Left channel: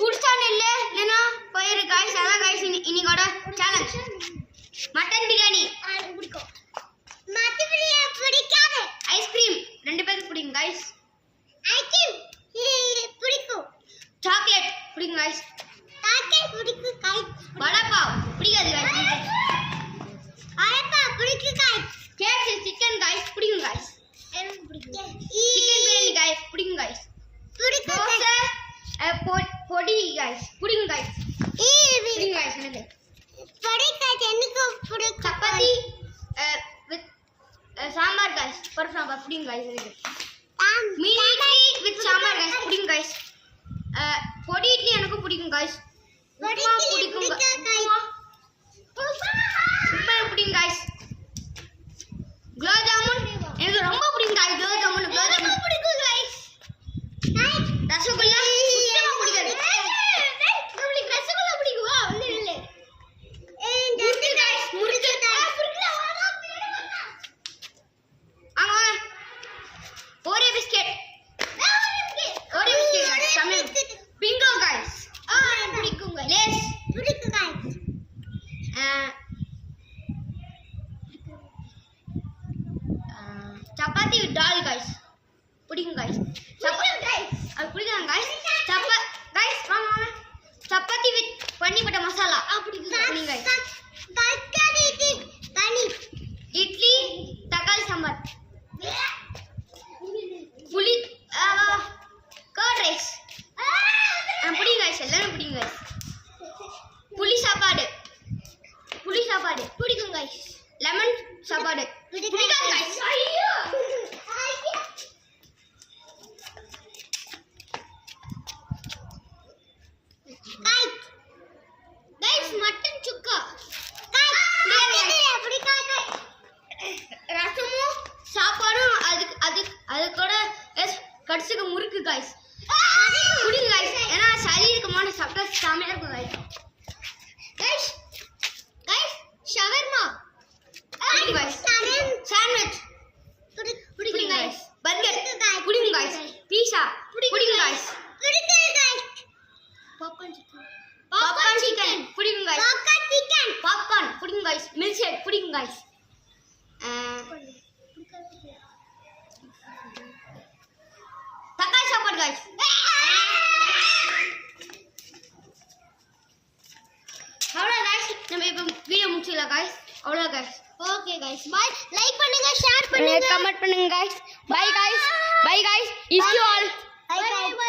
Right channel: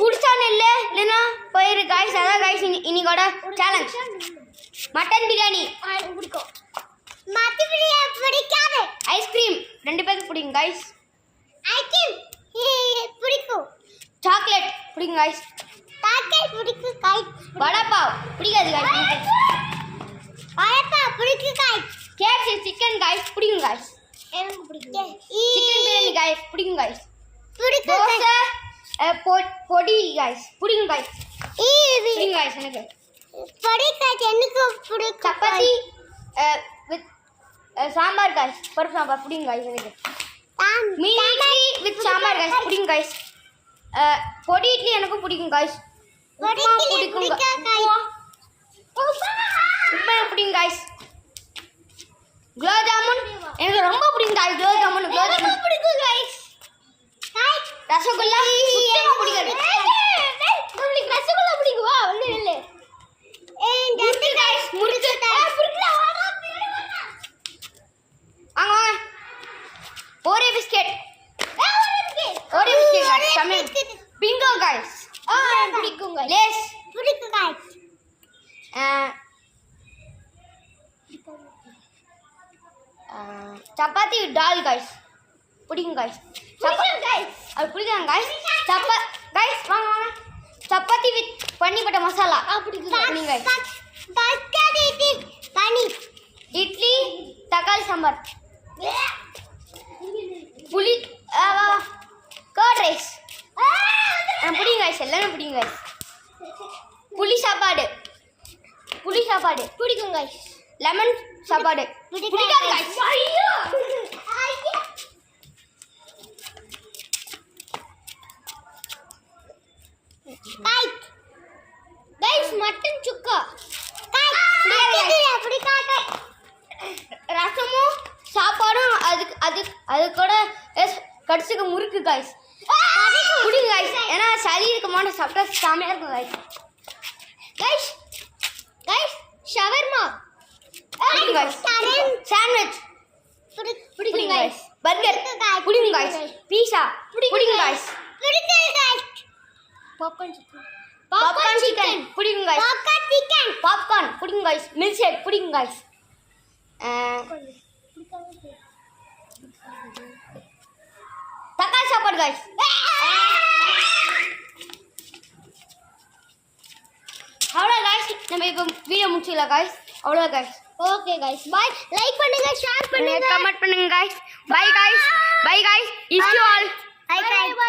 புடிச்சா நெல்லு இல்லனா போயிரு गाइस. அதான் गाइस இன்னையோட சேலஞ்ச். மட்டன் பிரியாணி எனக்கு பிடிக்கும். மட்டன் பிரியாணி பிடிக்காது. ஐஸ்கிரீம் ரெண்டு பேருக்கு பிடிக்கும் गाइस. ஐஸ்கிரீம் பிடிக்கும். சாக்லேட் பிடிக்கும் गाइस. சாக்லேட் பிடிக்கும் गाइस. வடை பாவ் பிடிக்காது गाइस. வடை பாவ் பிடிக்கும் गाइस. KFC சிக்கன் गाइस பிடிக்கும் गाइस. எனக்கு பிடிக்கும். சிக்கன் பிரியாணி गाइस பிடிக்கும் गाइस. பிடிக்கும். தோசை பொடி गाइस பிடிக்கும் गाइस. பிடிக்கும் गाइस எனக்கு. பொடி गाइस எனக்கு பிடிக்கும். சப்பாத்தி வித் சாம்பார் गाइस பருப்பு சாம்பார் பிடிக்கும் गाइस எனக்கு. மீன் இட்லி வித் சாம்பார் गाइस பிடிக்கும் गाइस. பொடி இட்லி எனக்கு பிடிக்கும் गाइस. பொடி இட்லி பிடிக்கும் गाइस. உப்பா பிடிக்கும் गाइस. குலாப் ஜாமுன் எனக்கு ரொம்ப பிடிக்கும் गाइस. குலாப் ஜாமுன் பிடிக்கும் गाइस. ரசகுல்லா சுத்தமா பிடிக்காது. உங்களுக்கு ரசகுல்லா பிடிக்குமா? ஒண்ணு இல்ல. முடிச்சு गाइस முடிச்சுட்டா. ஆமா. ஒரே பிஸ்கட். ஒரே பிஸ்கட் சமையல். Bingo guys. பிடிக்கும் गाइस. லேஸ் பிடிக்கும் गाइस. சப்பாத்தி டால் गाइस பிடிக்கும் गाइस. சப்பாத்தி गाइस அது பிடிக்கும் गाइस. गाइस வாங்க சப்பாத்தி வித் பன்னீர் பட்டர் மசாலா பிடிக்கும் गाइस. தக்காளி பன்னீர் இட்லி தக்காளி சாம்பார் புளி கர்ட் ரைஸ் பிடிக்கும் गाइस. எல்லாமே பிடிக்கும் गाइस. புளி சாப்பாடு பிடிக்கும் गाइस. லெமன் சாப்பாடு பிடிக்கும் गाइस. ஐயோ गाइस मटन சுக்கா பிடிக்காது. ரசமும் சாப்பாடும் அது கூட கடிச்சுக்க முறுக்கு गाइस பிடிக்கும் गाइस. ஏன்னா சரீரமான சாப்பிட்டா சாமையா இருக்கும் गाइस. ஷவர்மா பிடிக்கும் गाइस. சாண்ட்விச் பிடிக்கும் गाइस. பர்கர் பிடிக்கும் गाइस. பீஸா பிடிக்கும் गाइस. பாப்கார்ன் சிக்கன் பிடிக்கும் गाइस. பாப்கார்ன் பிடிக்கும் गाइस. மில்க் ஷேக் பிடிக்கும் गाइस. தக்காளி சாப்பாடு गाइस. அவ்வளோ गाइस நம்ம இப்போ வீடியோ முடிச்சுக்கலாம் गाइस. அவ்வளோ guys. Okay guys bye. Like பண்ணுங்க, ஷேர் பண்ணுங்க, கமெண்ட் பண்ணுங்க guys. Bye guys. Is you all. By.